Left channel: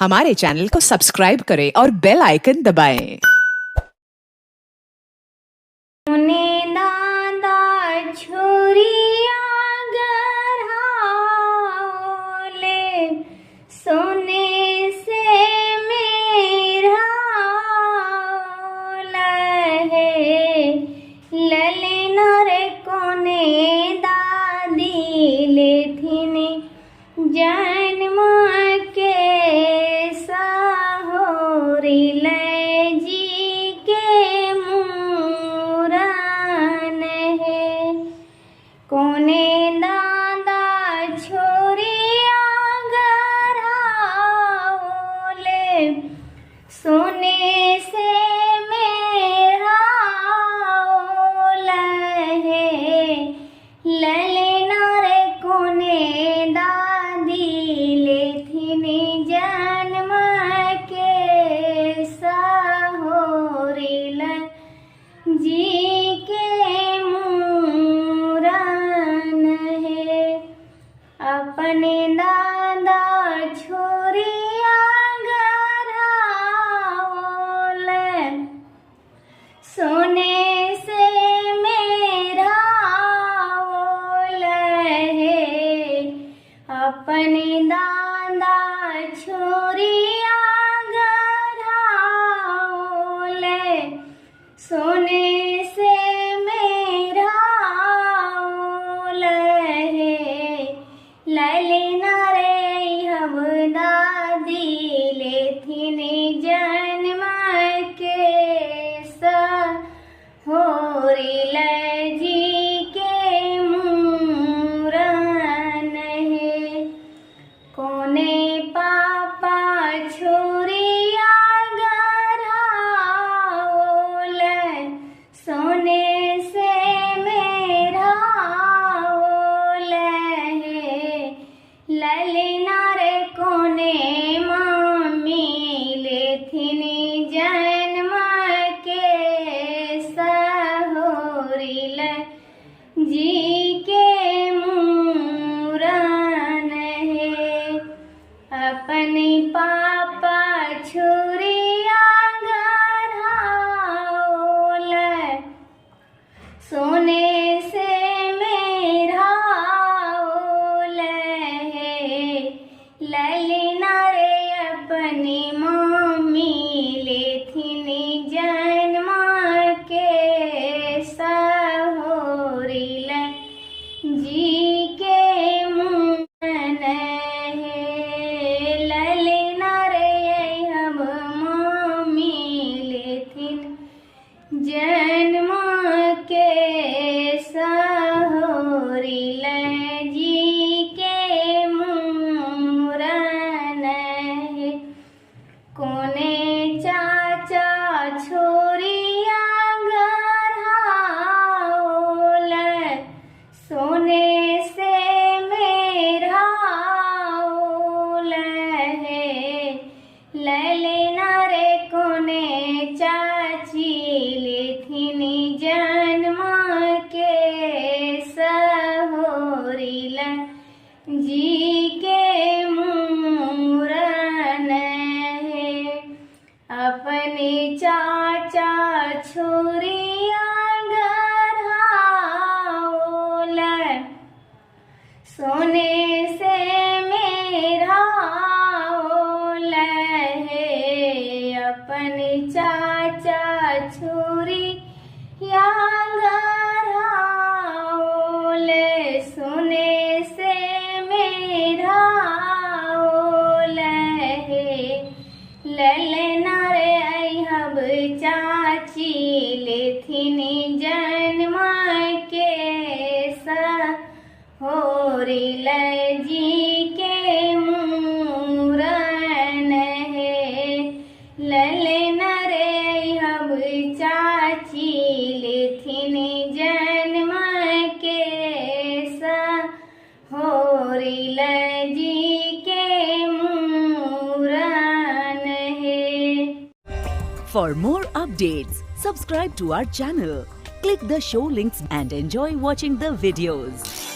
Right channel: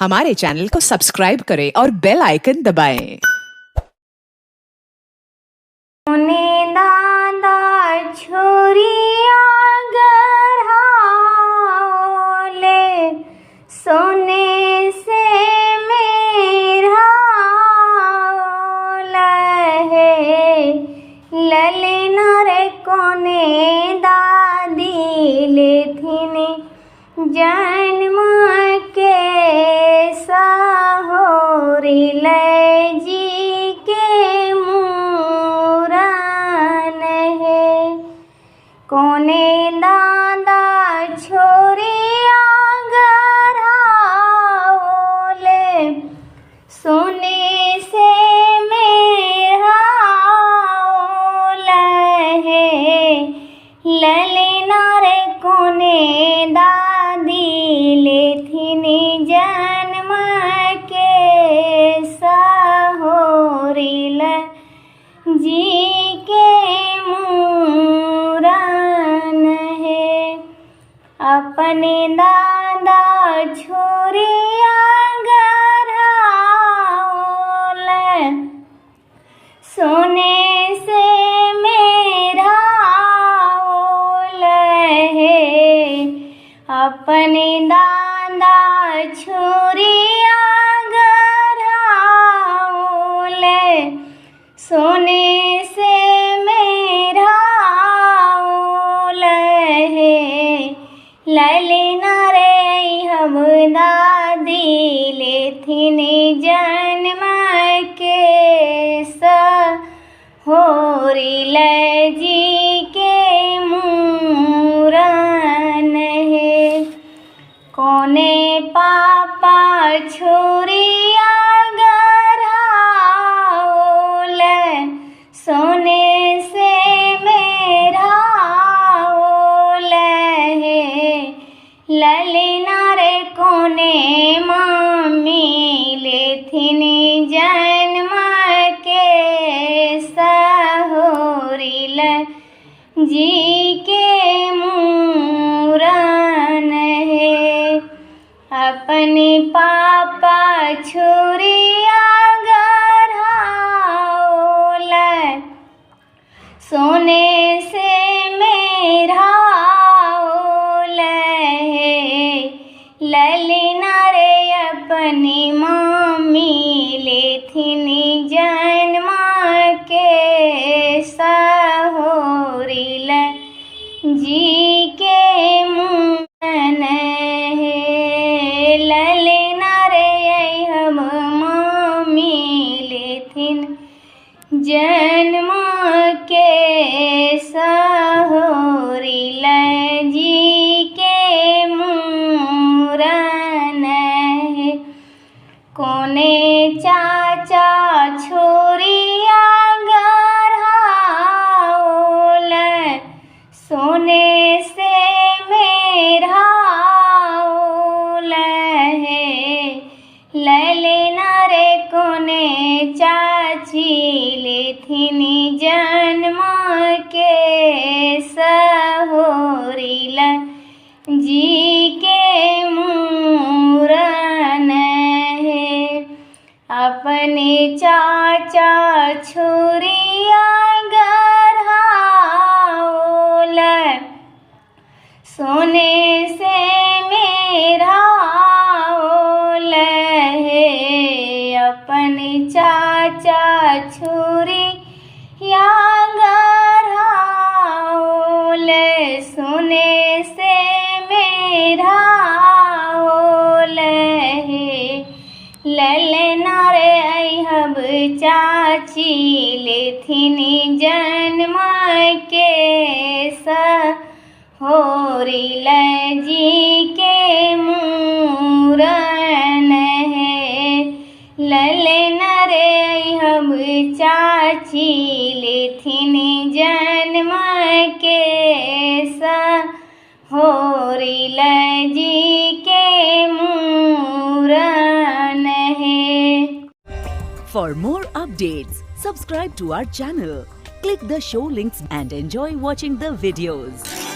हमारे चैनल को सब्सक्राइब करें और बेल आइकन दबाएं। सोने से मेरा लहे ललना रे कोने दादी लेथिने जन्म के सहोरी ले जी के मूरन है कोने दादा छोरी सोने से मेरा लहे ललना रे कोने दादी लेथिनी जन्म के सहोरी ल जी के मूरन है अपने दादा छोरी सोने से मेरा लहे अपने दादा छोरिया गराओले सोने से मेरा लहे ललना रे हम दादी लेथिने जन्म के होरी ले जी के मूरन है कोने पापा छोरिया गराओले सोने से मेरा लहे ललना रे कोने मम्मी लेथिनी जन्म जी के मूरन है अपने पापा छोरिया गराओले सोने से मेरा लहे ललना रे अपनी मम्मी लेथिनी जन्म के जी के मूरन है ललना रे हम मम्मी लेथिन जन्म के सहोरी ल जी के मूरन है कोने चाचा छोरिया सोने से मेरा लहे ललना रे कोने चाची लेथिनी जन्म के सहोरी ल जी के मूरन है अपने चाचा छोरिया सोने से मेरा लहे अपने चाचा छोरी या गराओले सोने से मेरा लहे ललना रे हब चाची लेथिनी जन्म के होरी ल जी के मूरन है ललना रे हम चाची लेथिनी जन्म के होरी ल जी के मूरन है। For more updates, subscribe to our channel, click the show links and enjoy watching the videos.